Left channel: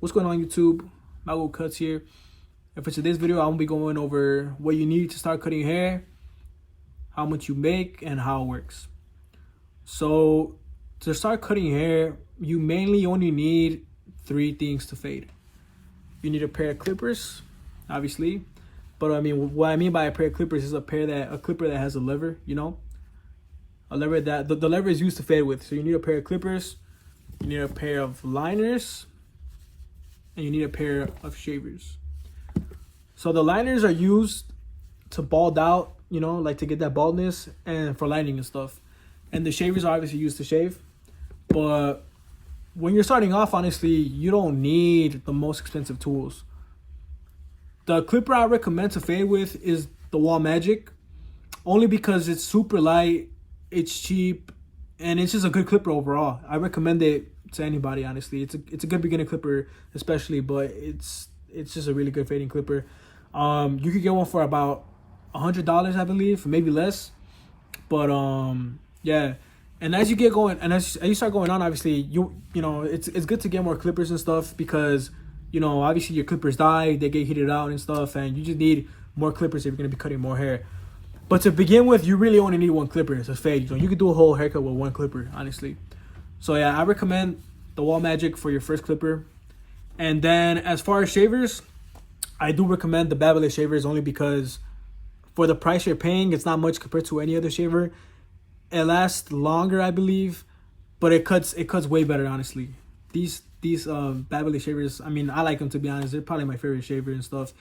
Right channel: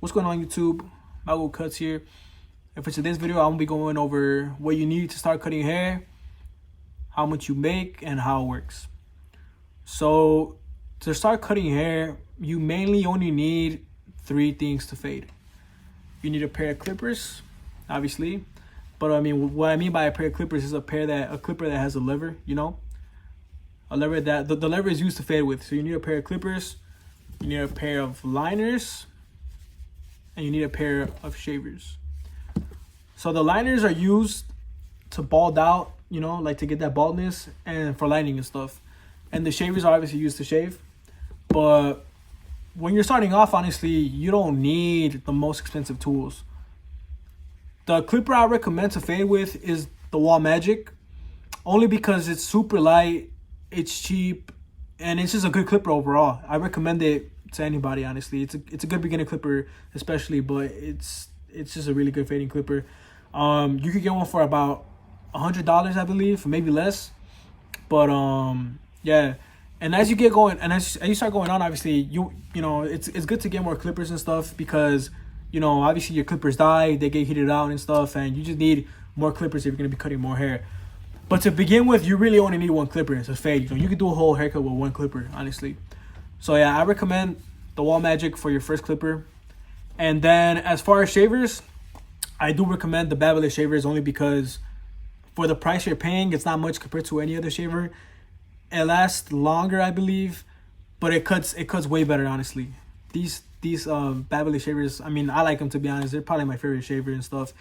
What's going on, YouTube? Mago Cuts here. And for today's video, I'm gonna be going over what you need to start cutting hair, how much you make, and how it works. So to start cutting hair, you mainly only need 3 things to fade. You need a pair of clippers, obviously. But I mean, what I mean by a pair of clippers is a clipper that has a lever, you know? A lever that the lever is used to fade with. So you need a pair of clippers, you need a pair of liners, and you need a pair of shavers. So the liners are used to bald out, you know, like to get that baldness and for lining and stuff. And the shavers are obviously used to shave. But when you're starting off, honestly, you don't need the most expensive tools. The clipper I recommend to fade with is the Wall Magic, only because it's super light, it's cheap, and it's just a good clipper overall. I recommend it to anybody, honestly. It's a good beginner clipper, especially, but it's just a really good fading clipper. You could get one for about $100, I believe, or maybe less. But yeah. And as you get going, and as you start going on, obviously, you know, it's good to get more clippers and stuff because, you know, obviously your clippers die, they get heated out and stuff, and you just need more clippers if you're gonna be cutting more hair. But to begin with, you really only need 1 clipper to fade. You know, you could do a whole haircut with 1 clipper, honestly. So yeah, I recommend the Wall Magic for your first clipper. And then as far as shavers, I do recommend the Barbers shavers only because for the price you're paying, it's not much compared to any other shaver. It lasts longer, I believe, but it cuts way better, honestly. These Barbers shavers, I mean, I like them, to be honest. They're probably my favorite shaver and stuff.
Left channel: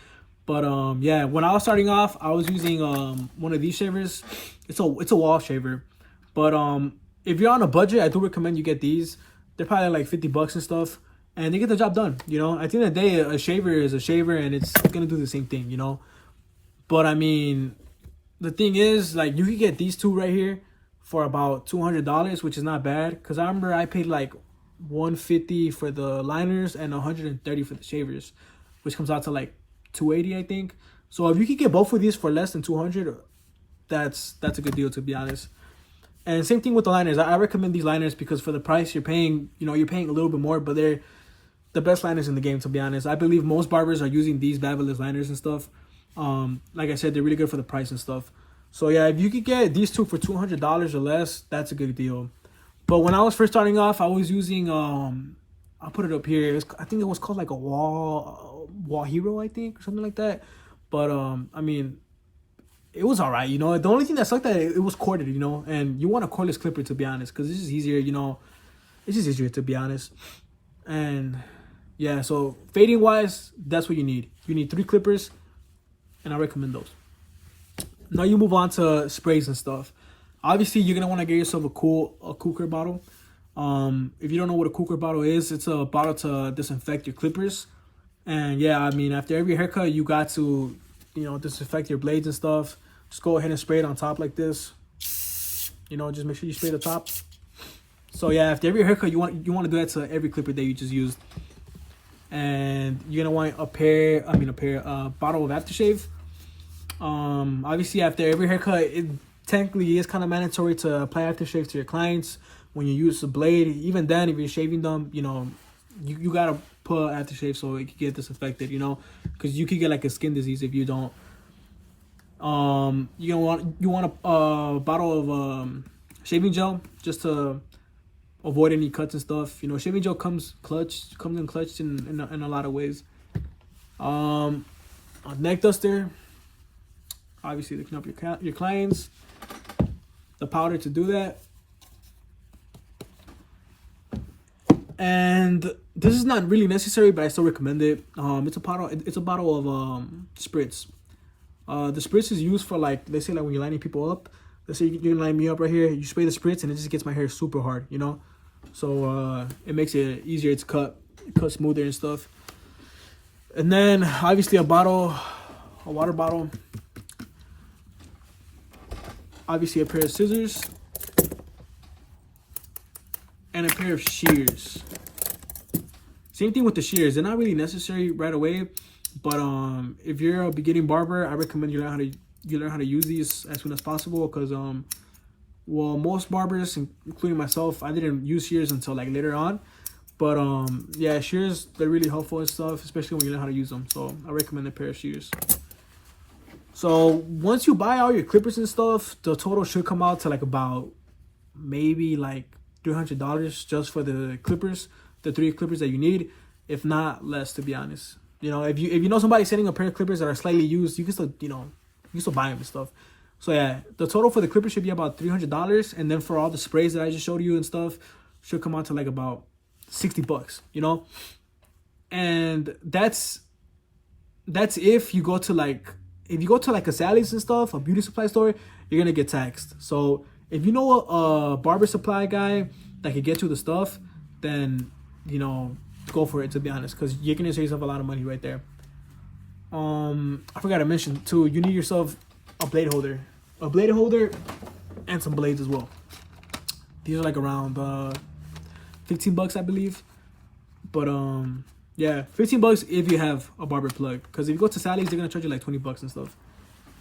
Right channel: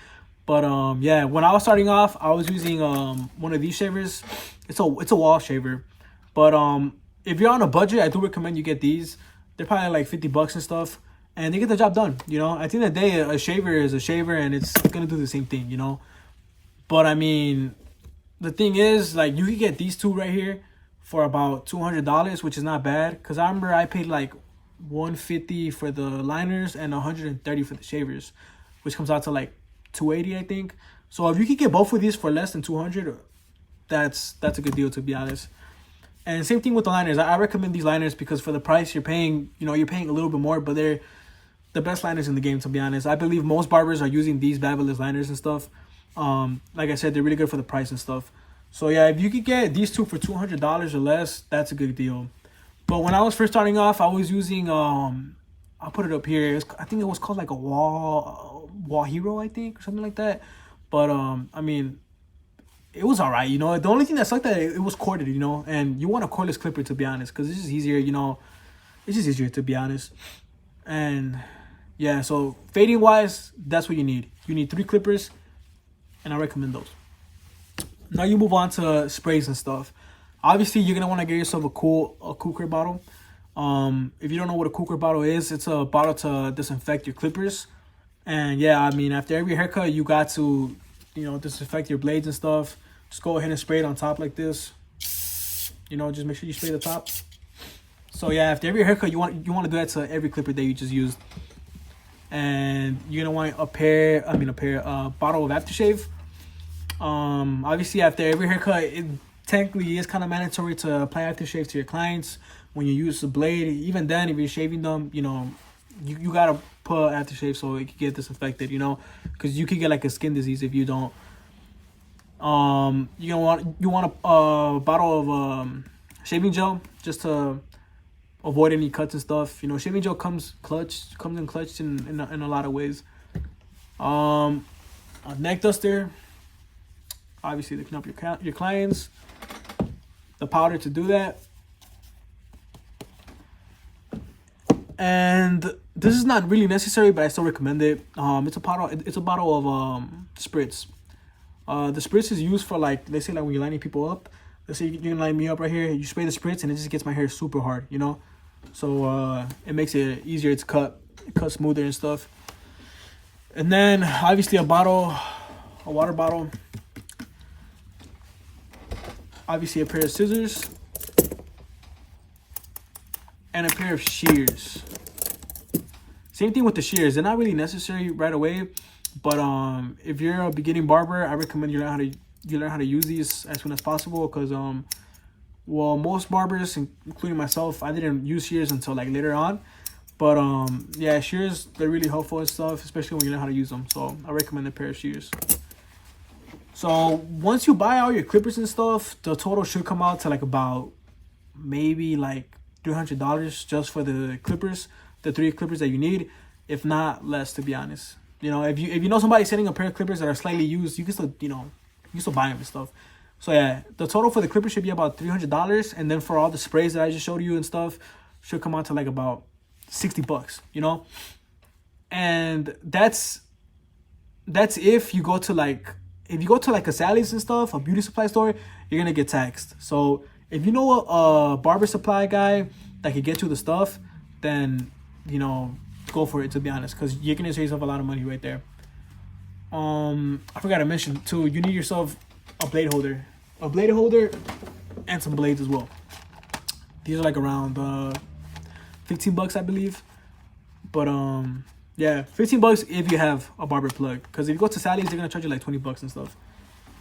But yeah, when I was starting off, I was using one of these shavers. It's a wall shaver. But if you're on a budget, I do recommend you get these. They're probably like $50 and stuff, and they get the job done, you know. At the end of the day, a shaver is a shaver, and it's gonna do the same thing, you know. But I mean, the thing is, like, you can get these 2 right here for about $200, which is not bad. Cause I remember I paid like $150 for the liners and $130 for the shavers, which comes out to like $280, I think. So if you could get both of these for less than $200, that's a good deal, to be honest. And same thing with the liners. I recommend these liners because for the price you're paying, you know, you're paying a little bit more, but they're the best liners in the game, to be honest. I believe most barbers are using these Barbers liners and stuff. Like I said, they're really good for the price and stuff. So yeah, if you could get these 2 for $200 or less, that's a good deal. But when I was first starting off, I was using I'll put it up here. I think it was called like a wall hero, I think, or something like that. But I mean, it was all right, you know. The only thing that sucked that it was corded, you know, and you want a cordless clipper, to be honest, because it's just easier, you know. It's just easier, to be honest. And yeah, so fading wise, that's what you need. You need 3 clippers, and I recommend those. Now you move on to sprays and stuff. Obviously, you're gonna want to get yourself a cooker bottle. If you don't know what a cooker bottle is, it's a bottle to disinfect your clippers. And yeah, I mean, after every haircut, you got to, you know, disinfect your blades and stuff. Just go ahead and spray it on top like this. You know, just make sure you spray the top. So yeah, after every haircut, you want to do that to every clipper that you just used. And you're gonna want a bottle of aftershave. Obviously, after every haircut, it technically is kind of mandatory to apply aftershave to your clients when you use the blade. Even then, if you're shaving them, you know, you gotta put aftershave so it can get disinfected, you know, because you could get like a skin disease if you don't. You want a bottle of shaving gel just to avoid any cuts and stuff. You know, shaving gel comes in clutch in a lot of ways. A neck duster, obviously to clean up your clients. The powder to do that. And this is not really necessary, but I still recommend it. It's a bottle of spritz. The spritz is used for, like, let's say, like when you're lining people up. Let's say you're gonna line me up right here. You spray the spritz, and it just gets my hair super hard, you know. So it makes it easier to cut smoother and stuff. And then obviously a water bottle. Obviously a pair of scissors and a pair of shears. Same thing with the shears. They're not really necessary right away, but if you're a beginning barber, I recommend you learn how to use these as soon as possible, because well, most barbers, including myself, I didn't use shears until like later on. But yeah, shears, they're really helpful and stuff, especially when you know how to use them. So I recommend a pair of shears. So once you buy all your clippers and stuff, the total should come out to like about maybe like $300 just for the clippers, the 3 clippers that you need, if not less, to be honest. You know, if you know somebody sending a pair of clippers that are slightly used, you can still, you know, you can still buy them and stuff. So yeah, the total for the clippers should be about $300, and then for all the sprays that I just showed you and stuff, should come out to like about $60, you know. And that's if you go to like a Sally's and stuff, a beauty supply store, you're gonna get taxed. So if you know a barber supply guy that can get you the stuff, then, you know, go for it, to be honest, because you're gonna save yourself a lot of money right there. I forgot to mention too, you need yourself a blade holder, and some blades as well. These are like around $15, I believe. But yeah, $15 if you have a barber plug, because if you go to Sally's, they're gonna charge you like $20 and stuff.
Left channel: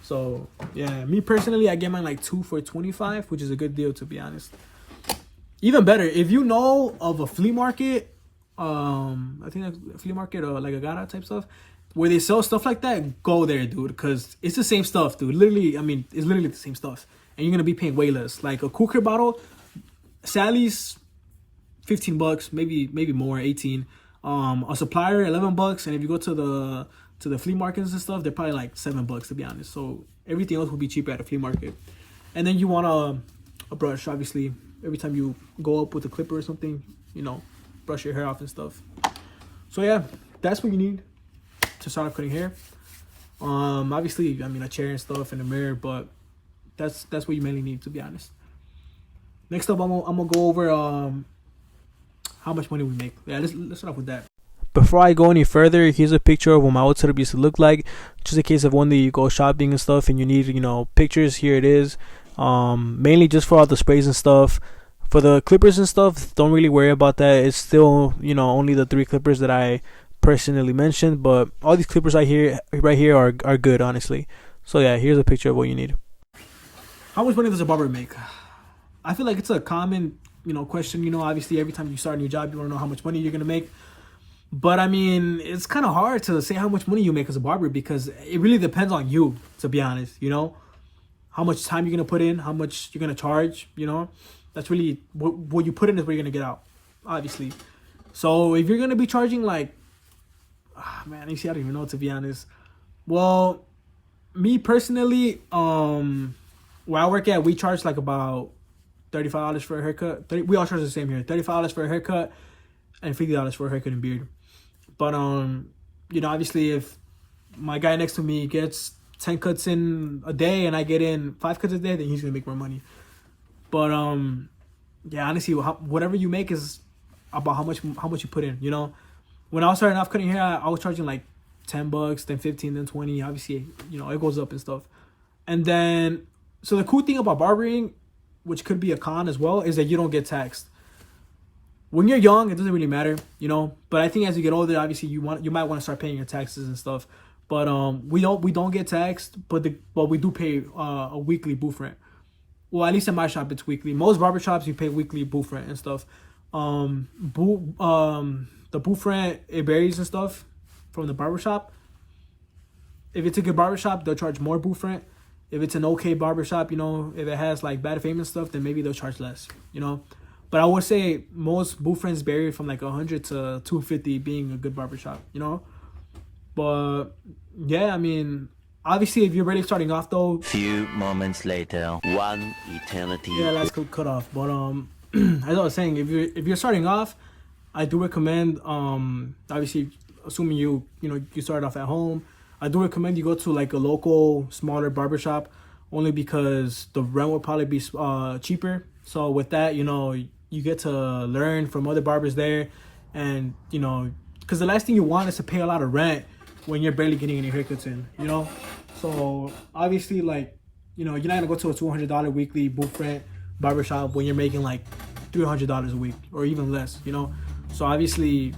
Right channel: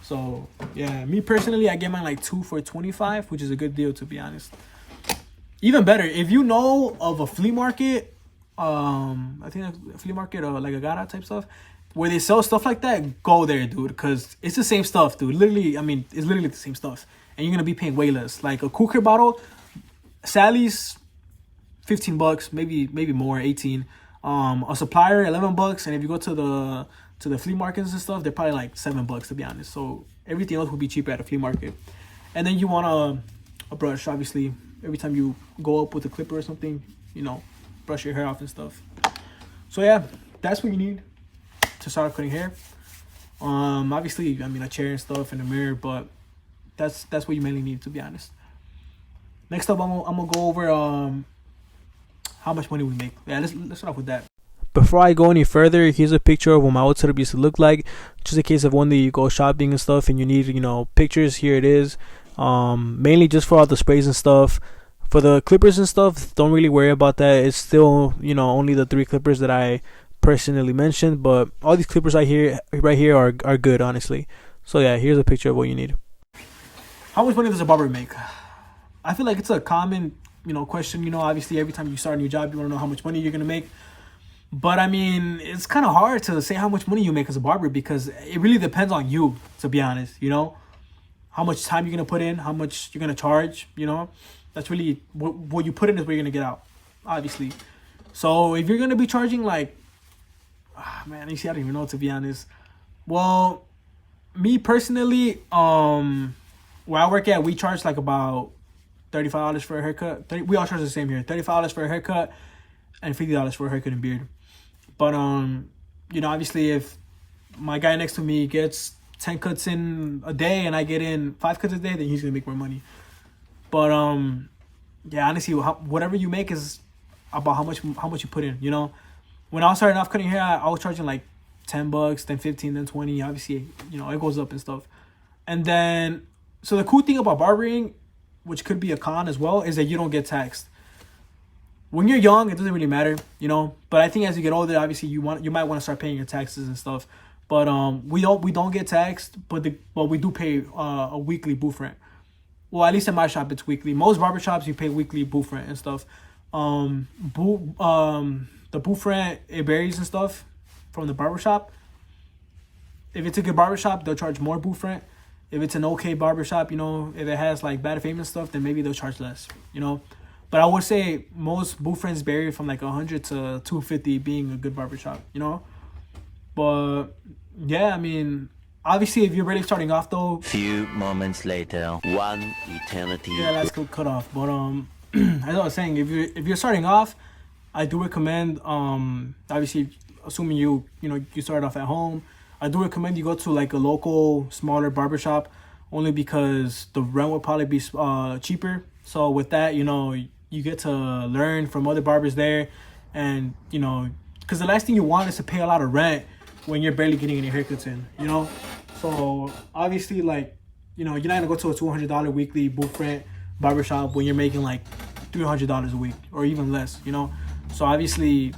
So yeah, me personally, I get mine like 2 for $25, which is a good deal, to be honest. Even better, if you know of a flea market, I think a flea market or like a Gara type stuff, where they sell stuff like that, go there, dude, because it's the same stuff, dude. Literally, I mean, it's literally the same stuff, and you're gonna be paying way less. Like a cooker bottle, Sally's, $15, maybe more, 18. A supplier, $11, and if you go to the flea markets and stuff, they're probably like $7, to be honest. So everything else will be cheaper at a flea market. And then you want a brush, obviously. Every time you go up with a clipper or something, you know, brush your hair off and stuff. So yeah, that's what you need to start cutting hair. Obviously, I mean, a chair and stuff and a mirror, but that's what you mainly need, to be honest. Next up, I'm gonna go over how much money we make. Yeah, let's start off with that. Before I go any further, here's a picture of what my old setup used to look like. Just in case of one day you go shopping and stuff and you need, you know, pictures, here it is. Mainly just for all the sprays and stuff. For the clippers and stuff, don't really worry about that. It's still, you know, only the 3 clippers that I personally mentioned, but all these clippers right here are good, honestly. So yeah, here's a picture of what you need. How much money does a barber make? I feel like it's a common, you know, question. You know, obviously every time you start a new job, you want to know how much money you're gonna make. But I mean, it's kind of hard to say how much money you make as a barber, because it really depends on you, to be honest. You know, how much time you're gonna put in, how much you're gonna charge. You know, that's really what you put in is what you're gonna get out, obviously. So if you're gonna be charging like, man, you see, I don't even know, to be honest. Well, me personally, where I work at, we charge like about $35 for a haircut. We all charge the same here. $35 for a haircut and $50 for a haircut and beard. But you know, obviously, if my guy next to me gets 10 cuts in a day and I get in 5 cuts a day, then he's gonna make more money. But yeah, honestly, whatever you make is about how much you put in. You know, when I was starting off cutting hair, I was charging like $10, then 15, then 20. Obviously, you know, it goes up and stuff. And then, so the cool thing about barbering, which could be a con as well, is that you don't get taxed. When you're young, it doesn't really matter, you know. But I think as you get older, obviously you might want to start paying your taxes and stuff. But we don't get taxed, but we do pay a weekly booth rent. Well, at least in my shop, it's weekly. Most barber shops, you pay weekly booth rent and stuff. The booth rent, it varies and stuff from the barber shop. If it's a good barber shop, they'll charge more booth rent. If it's an okay barber shop, you know, if it has like bad fame and stuff, then maybe they'll charge less, you know. But I would say most booth rents vary from like 100 to 250 being a good barber shop, you know. But yeah, I mean, obviously, if you're really starting off though. Few moments later, one eternity. Yeah, that's cut off. But as I was saying, if you're starting off, I do recommend obviously, assuming you start off at home, I do recommend you go to like a local smaller barbershop, only because the rent would probably be cheaper. So with that, you know, you get to learn from other barbers there, and you know, because the last thing you want is to pay a lot of rent when you're barely getting any haircuts in, you know. So obviously, like, you know, you're not gonna go to a $200 weekly booth rent barbershop when you're making like $300 a week or even less, you know. So obviously,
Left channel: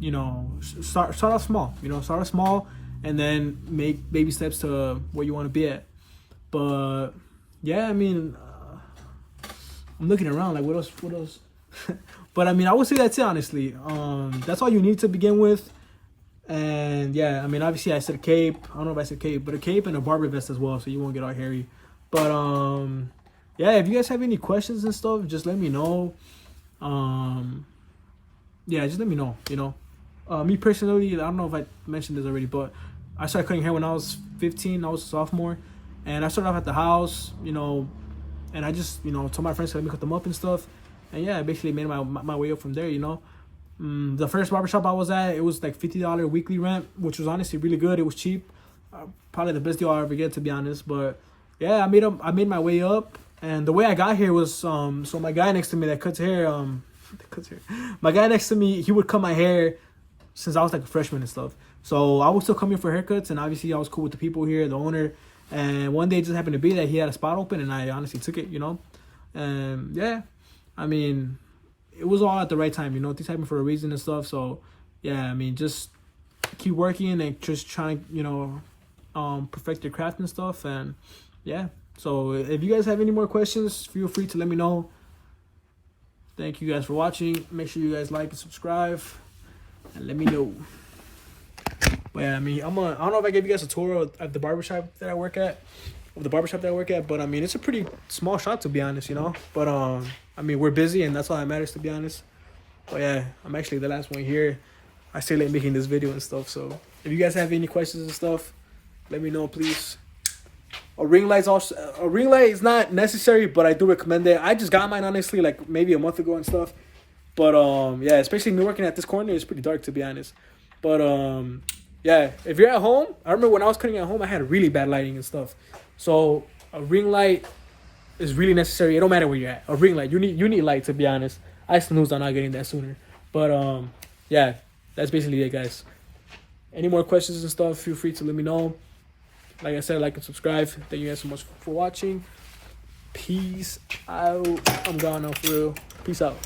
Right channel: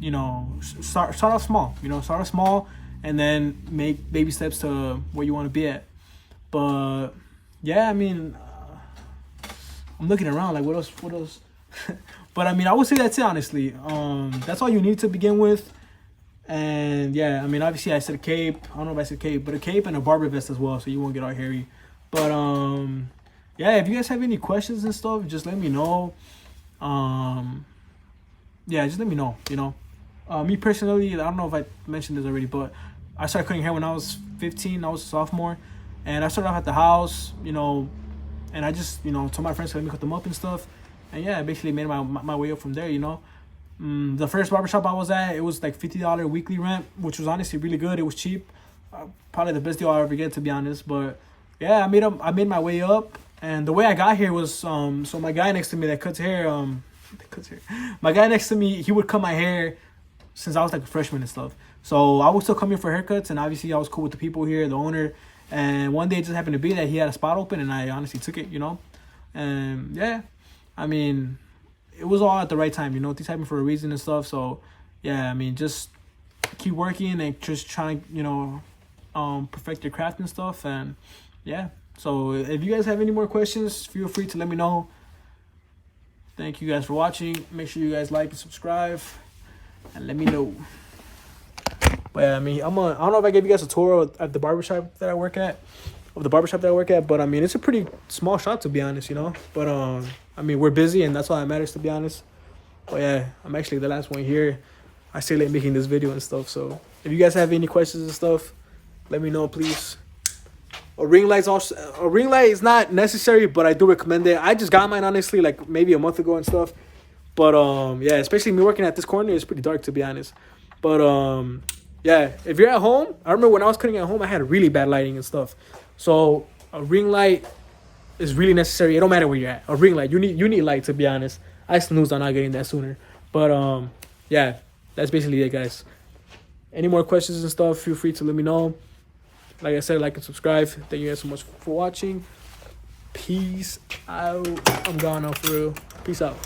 you know, start off small, you know, start off small, and then make baby steps to where you want to be at. But yeah, I mean, I'm looking around like what else But I mean, I would say that's it, honestly. That's all you need to begin with. And yeah, I mean, obviously I said a cape. I don't know if I said cape, but a cape and a barber vest as well, so you won't get all hairy. But yeah, if you guys have any questions and stuff, just let me know. Yeah, just let me know, you know. Me personally, I don't know if I mentioned this already, but I started cutting hair when I was 15. I was a sophomore, and I started off at the house, you know, and I just, you know, told my friends to let me cut them up and stuff. And yeah, I basically made my way up from there, you know. The first barbershop I was at, it was like $50 weekly rent, which was honestly really good. It was cheap. Probably the best deal I'll ever get, to be honest. But yeah, I made my way up. And the way I got here was, so my guy next to me that cuts hair, my guy next to me, he would cut my hair since I was like a freshman and stuff. So I would still come here for haircuts, and obviously I was cool with the people here, the owner. And one day it just happened to be that he had a spot open, and I honestly took it, you know. And yeah, I mean, it was all at the right time, you know. Things happen for a reason and stuff. So yeah, I mean, just keep working and just trying, you know, perfect your craft and stuff. And yeah, so if you guys have any more questions, feel free to let me know. Thank you guys for watching. Make sure you guys like and subscribe, and let me know. But yeah, I mean, I don't know if I gave you guys a tour at the barbershop that I work at, but I mean, it's a pretty small shop, to be honest, you know. But I mean, we're busy, and that's all that matters, to be honest. But yeah, I'm actually the last one here. I stay late making this video and stuff. So if you guys have any questions and stuff, let me know, please. A ring light is not necessary, but I do recommend it. I just got mine, honestly, like maybe a month ago and stuff. But yeah, especially me working at this corner, it's pretty dark, to be honest. But yeah, if you're at home, I remember when I was cutting at home, I had really bad lighting and stuff. So a ring light is really necessary. It don't matter where you're at. A ring light, you need light, to be honest. I snoozed on not getting that sooner. But yeah, that's basically it, guys. Any more questions and stuff, feel free to let me know. Like I said, like and subscribe. Thank you guys so much for watching. Peace out. I'm gone now, for real. Peace out.